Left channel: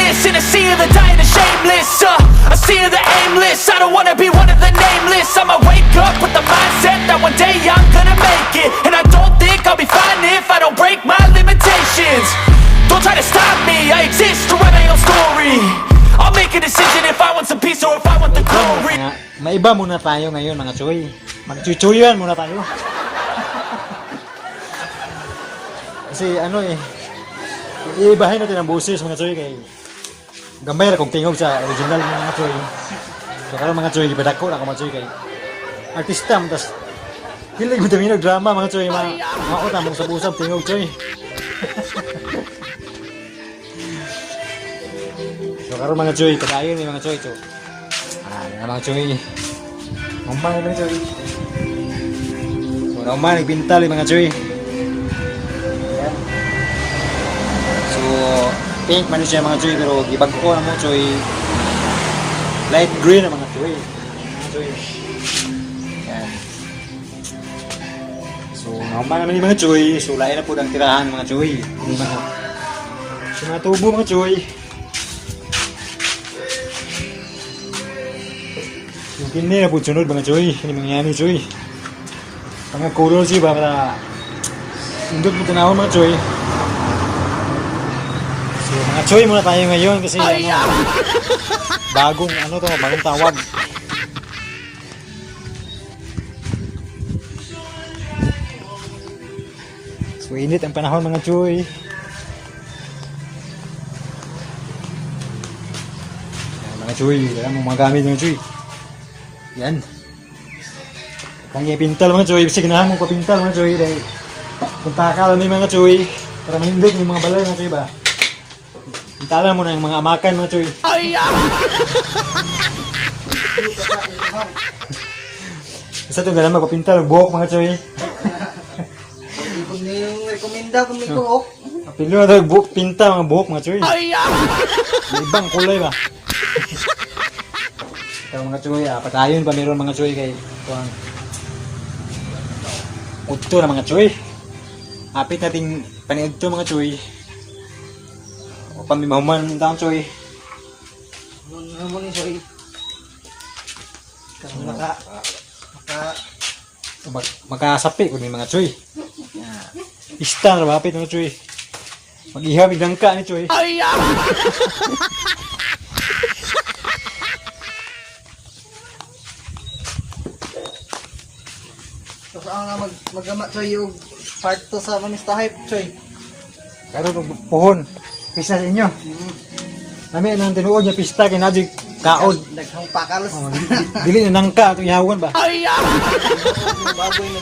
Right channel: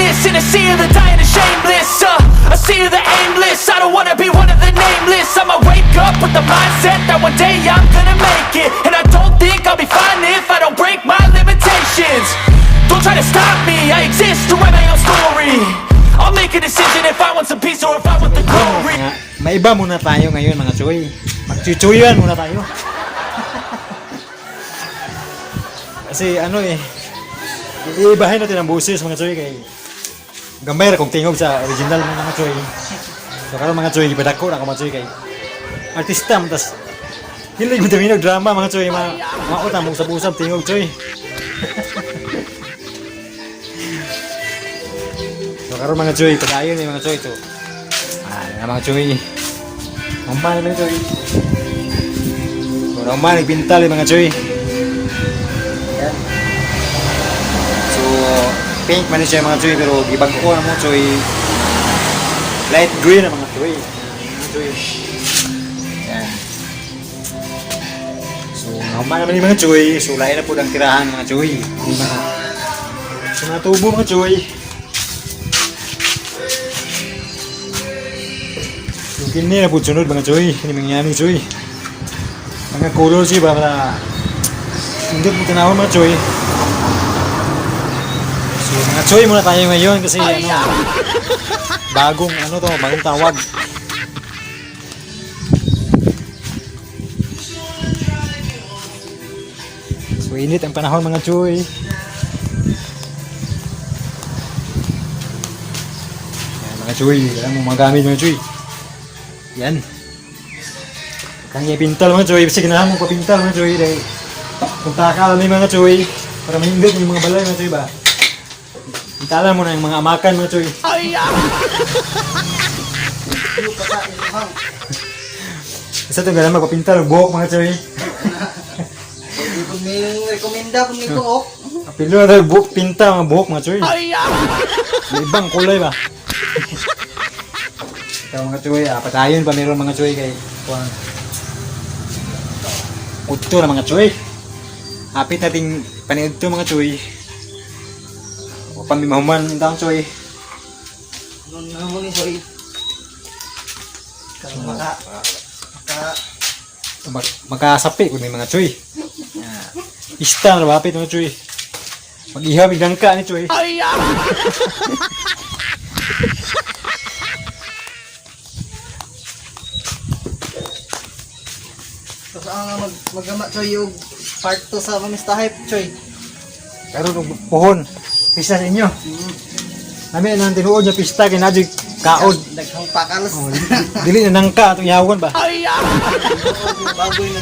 greatness in a sea of the dying and shameless. A sea of the aimless. I don't wanna be one of the nameless. I'ma wake up with the mindset that one day I'm gonna make it. And I don't think I'll be fine if I don't break my limitations. Don't try to stop me, I exist to write my own story. I'll make a decision if I want some peace or if I want the glory. Maiba muna tayo ngayon mga Choy. Magchuchuyan muna tayo. Kasi ano iibahin natin ang boses mga Choy kay gamay kung tingog sa original mga Choy. So kalau mga Choy ibadako na mga Choy kay artista tas hindi mo daminog drama mga Choy makita mo sa busam tingog Choy. So karon mga Choy padayon ni mga Choy to. Mga Choy. Normal mga Choy. So normal Pintal mga Choy. Pink man siya mga Choy pero gibag ko na mga Choy light green na mga Choy. So normal naman yung mga Choy. So lain na po ang tirahan mga Choy. So natubo mga Choy. So kini na po sunod mga Choy. Hindi mangyani Choy. Mga color siya para indot mo tinawag mga Choy. Choy muna tayo ngayon kasi bagong bagong tawag. So init ang panahon mga Choy. Mga Choy, yan mo magamit mga Choy. Yan. Kaya pintal mga Choy, sige na mo pa pintal mga Choy. Kung takal ni mga Choy, para mahindot yung mga balay mga Choy ba? Itala mo na yung mga amakan mga Choy. Isa ito gana magpapintal buhok mga Choy. Kung may rekomenda kung may buhok. Apilo na tayo buhok pinta mga buhok mga Choy. May ibang kulay ba? Kaya mga Choy, patayon pa meron mga Choy kay puto na mga Choy. Hapit nating paniud to mga Choy. Pamimahuman daw Choy. Ano ni Choy? Kung makasapi kun may mga Choy. Ista na bapit mga Choy. Mag-ihab igangka ni Choy. So ang magama Choy yung part 2 sa manistahe Choy. Pero nung puhon pista sa inyo. Nami nang tinuod niya pista kay najig kaod. Daghang pakalas. Dili na nangka atong ihawan ba? Baboy na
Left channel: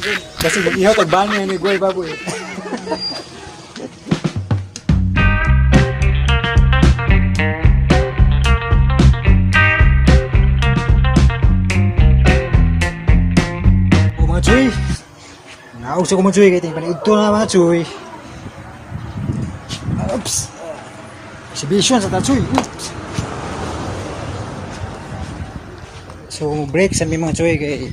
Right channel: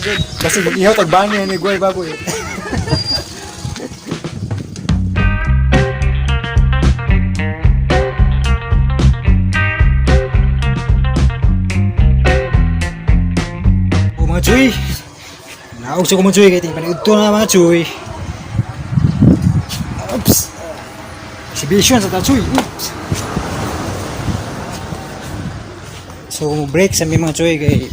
gid. Kasi ihaw tag bangi ni goy baboy. Mga Choy. Naog sa mga Choy kay ting paniudto na mga Choy. Exhibition sa Choy. So break sa mga Choy kay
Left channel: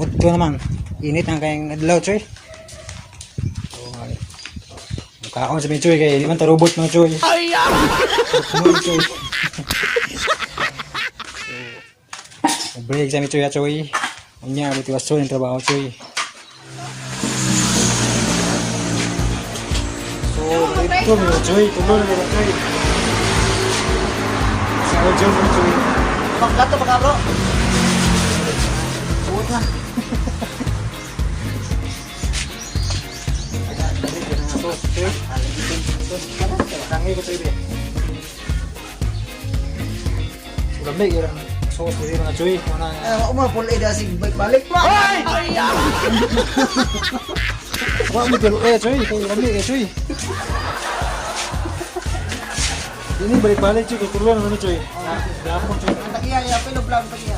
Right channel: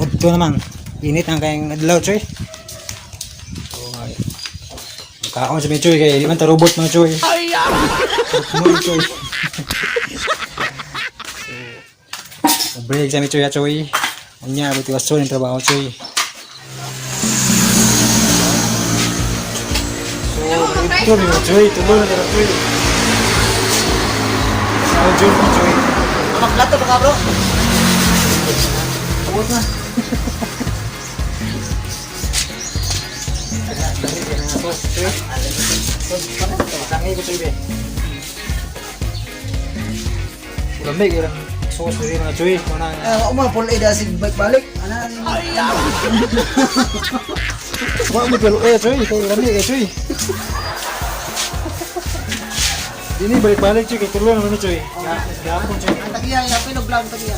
udto namang init ang kayong adlaw Choy. So kaon sa mga Choy kay di man ta robot mga Choy. So break sa mga Choy Choy. Unya motivasyon ng trabaho Choy. So ito mga Choy, tulol mga Choy. Joy. Maglato pa ka bro. Huwag na. Tangi ko Choy. Lamig yan. Susunod mga Choy. Ako mga pun ida sig balik pa. Huwag mo pero Choy. Kaya lamig Choy. Ini balik-balik Choy. Kaya tulong naman Choy. Dapon Choy. Tagiya, pinoblang tagiya.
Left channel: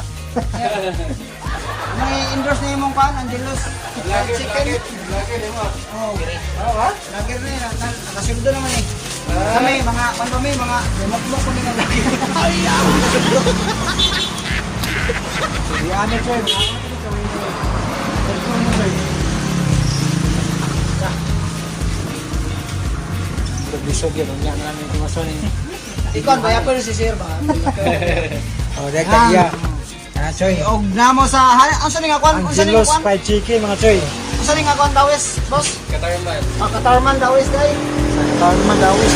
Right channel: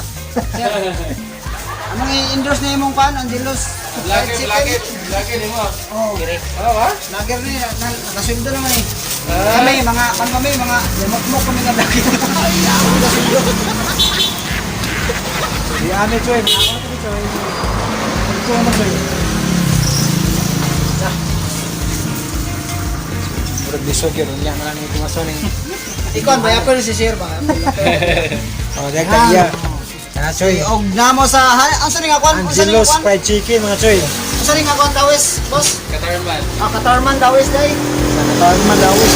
May endorse na imong pan, Angelos. Lager din mo. Oh. Lager ni, nakasunod naman eh. Kami, mga mukmuk kami nga daki. Di ano Choy. Ito naman Choy. Murag bisog yan. Ang yan ang kumasan eh. Ikon, baya pa rin si Sir ba? Oh, yeah. Choy, og namo sa ang sa ning akon, ang sa ning Angelo's akon. fried chicken mga Choy. Ang sa ning akon dawis, boss. Katarman. Katarman dawis day. Tawag naman lawis.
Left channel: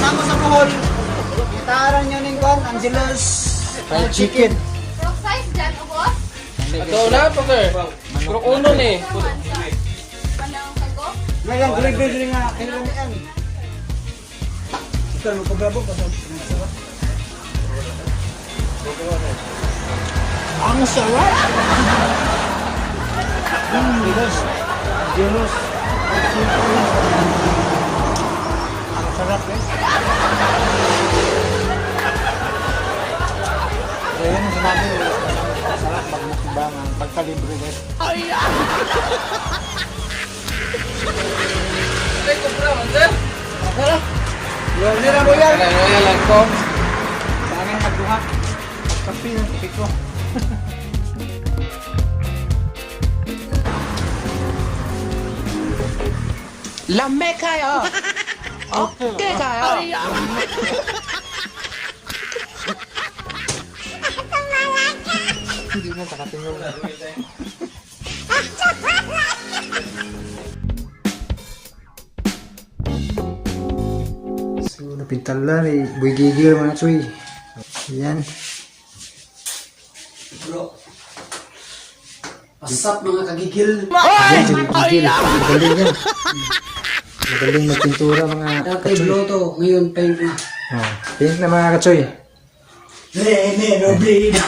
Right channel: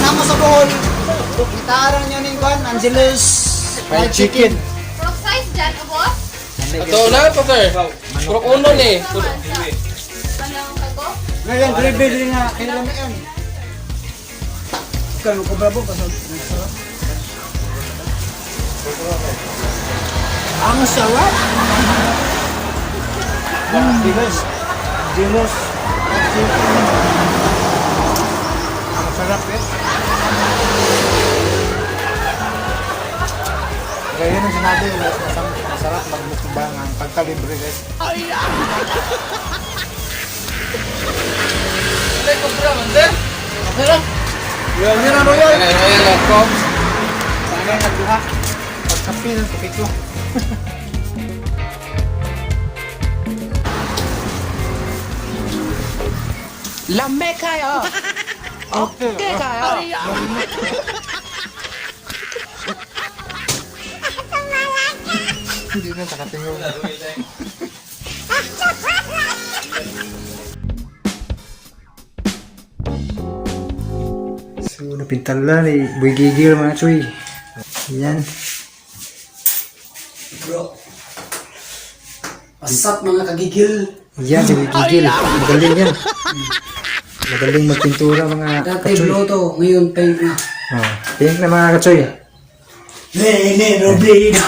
Namo sa buhon. Kitaran niyo ning kwan, Angelo's Fried chicken. Frog size dyan, o boss? Ito na, Pater. Puro uno ni. Panang kako? Nalang delivery na kailan na yan. Kalau ko bravo ko. Ang sarap. Angelo's. Angelo's. Ang sarap eh. Ngayon ang sinabi ko, masarap magmukbang ang pagkalibre eh. Okay lang. Ano na royal? Ayan lang po. Ano yung nagduha? Pagkapi ng kapi ko. Lame kayo. Okay kayo. Hindi mo nakatingin. So, napintal na ni Boy Gigil mga Choy. Yan. Bro. Pasap mga kagigil. Yan si Boy Gigil. Magaling yan. Magaling magpintura mga Dati bloto, ngayon paint na. pink na mga kachoy. Lele Robido.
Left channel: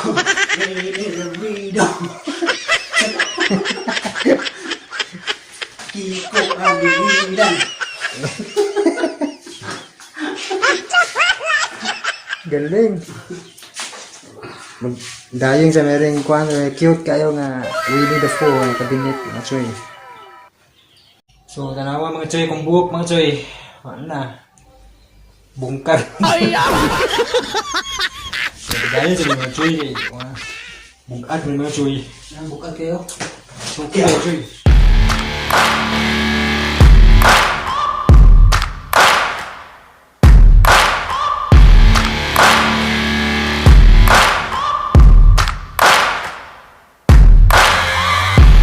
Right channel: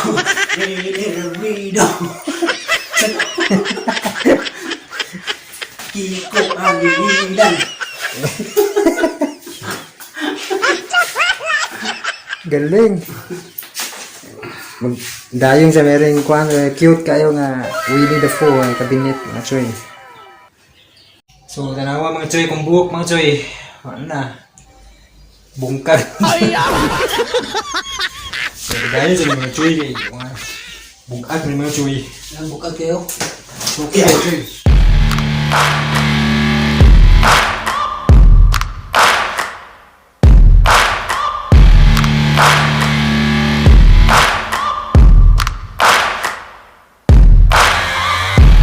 Lele Robido. Kiko ang bibilan. Galing. Dayong sa meron kwan, cute kayo nga Winnie the Pooh, kabinet mga choy. So, tanawa mga choy, kung buhok mga choy. Ano na? Bungkar. Dahil sa mga choy, bungkat ng mga choy. Nang bukat kayo. So, kaya choy.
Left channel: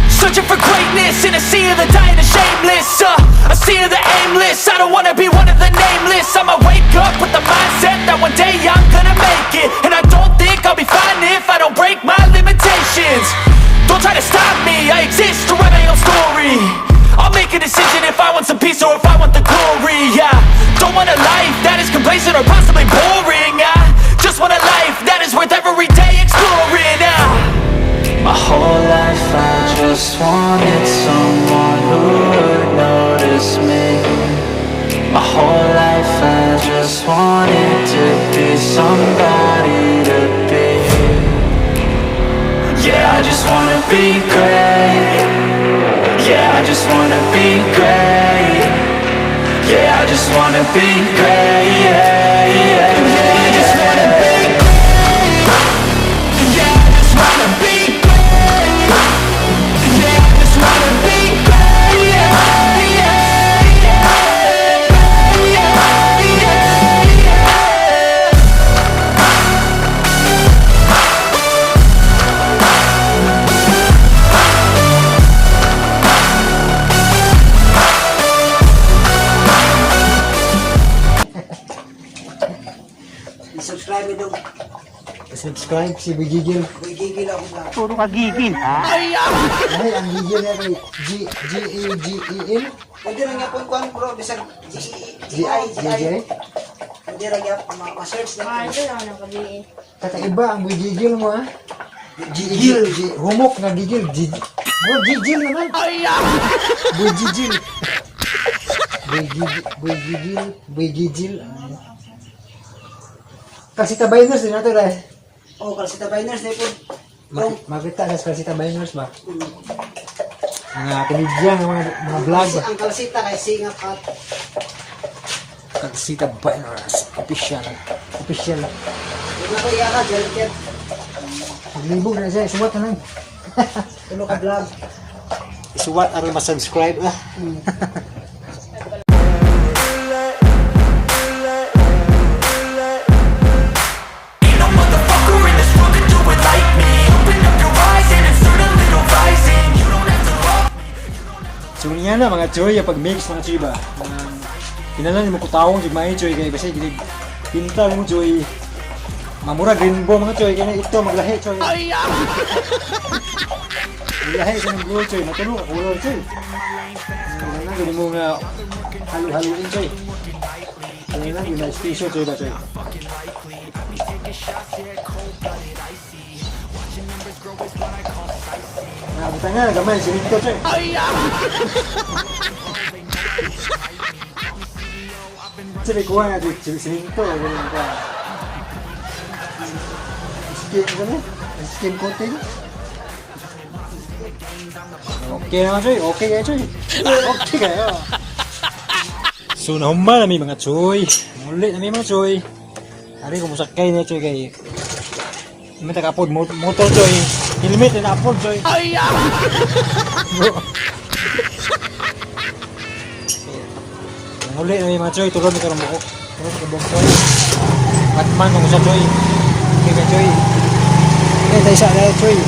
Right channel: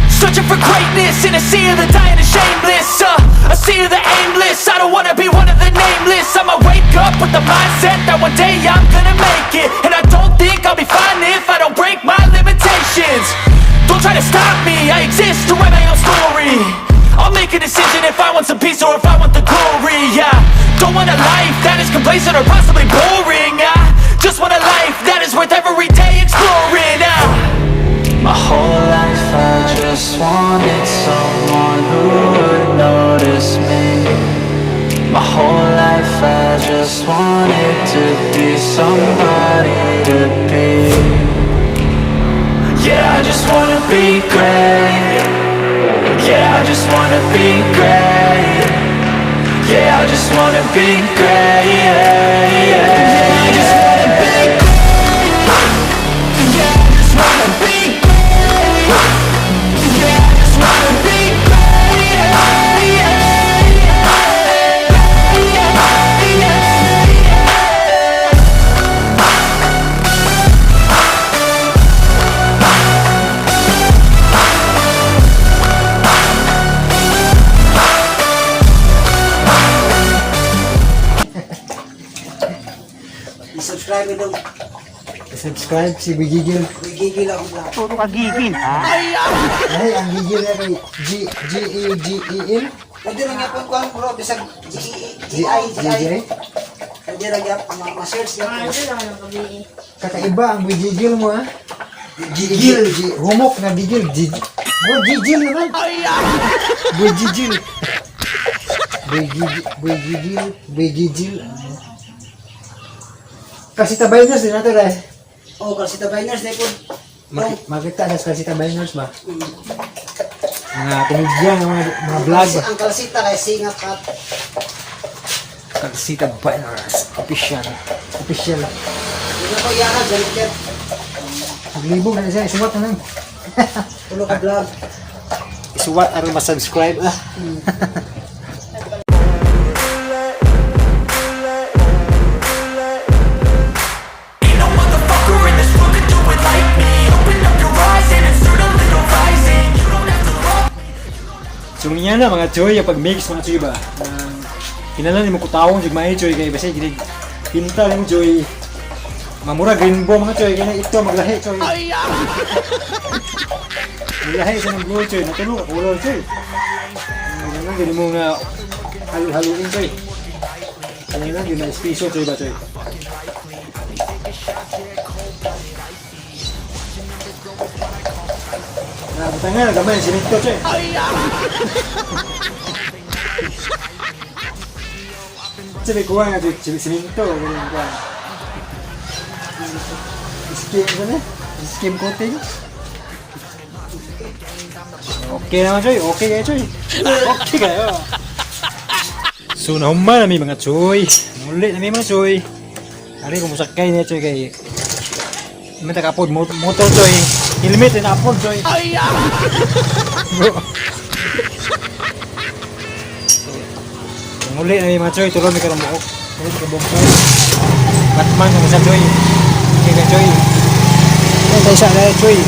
Searching for greatness in a sea of the dying and shameless, a sea of the aimless. I don't wanna be one of the nameless. I'ma wake up with the mindset that one day I'm gonna make it, and I don't think I'll be fine if I don't break my limitations. Don't try to stop me, I exist to write my own story. I'll make a decision if I want some peace or if I want the glory. Yeah, don't want a life that is complacent or possibly boring. I just want a life that is worth every day exploring. My whole life I just wanted someone who would notice me. My whole life I just wanted to be somebody to be. Yeah, I just wanna be great. Yeah, I just wanna be great. Yeah, I just wanna be great. Yeah, yeah, yeah, I just wanna be great. Yeah, I just wanna be great. Yeah, I just wanna be great. Yeah, yeah, yeah, yeah, yeah. I-subscribe daw. Subscribe si Bigigil. Gigil ako vlog. Puro ka gigil, ha? Ay, ang gigil na kay G-E-G-E-L. Pwede lang yapon ko bro, bisag G-I-G-I. Pwede lang yapon, ma-search na. Ito lang ang kabi. Kakaiba ang Bigigil mo, ha? Gigil. Humok na gigil. Boy gigil naman. Boy gigil. Boy gigil. Kasi tabaynas din nato rin. Oh, kasi tabayners na ipon. Bro, Makita sa kasi tabaynas ba? Mga komedyan, mga vlog ba? ang kalsita kay singap kat. Kasi tabaynas. Official. Official. Nako yakan, balik yan. Paglibog na siya. Isuwat na lang. Tulo ka vlog. Isuwat aron ma-subscribe ah. mga choy, yung pag-mix mga choy ba? Kinalan mo kutawang yung mga choy kaya basta gini pintal mo choy. Mamura rainbow mga choy kaya ito maglahi choy. Maglahi sa mga gold choy, natulog ako ulo choy. Kaya gini mo nga halo-haloin choy. Kaya na gini special choy ba choy? Buta nga, gamay, sinito choy. Sabi ko nga, sinito, ganun ba? Skim coating. Okay naman choy, okay kayo choy. Okay kayo. So nahuman namin mga choy. Muli namin mga choy. Ari kung musakay niya choy kay may takapod motor choy. Helmet na apod choy. Muli namin mga choy, tulon ni karong buhok. Tulon ni karong choy. Batman kung sa choy. Okay ka choy. Yan tayo siya na choy.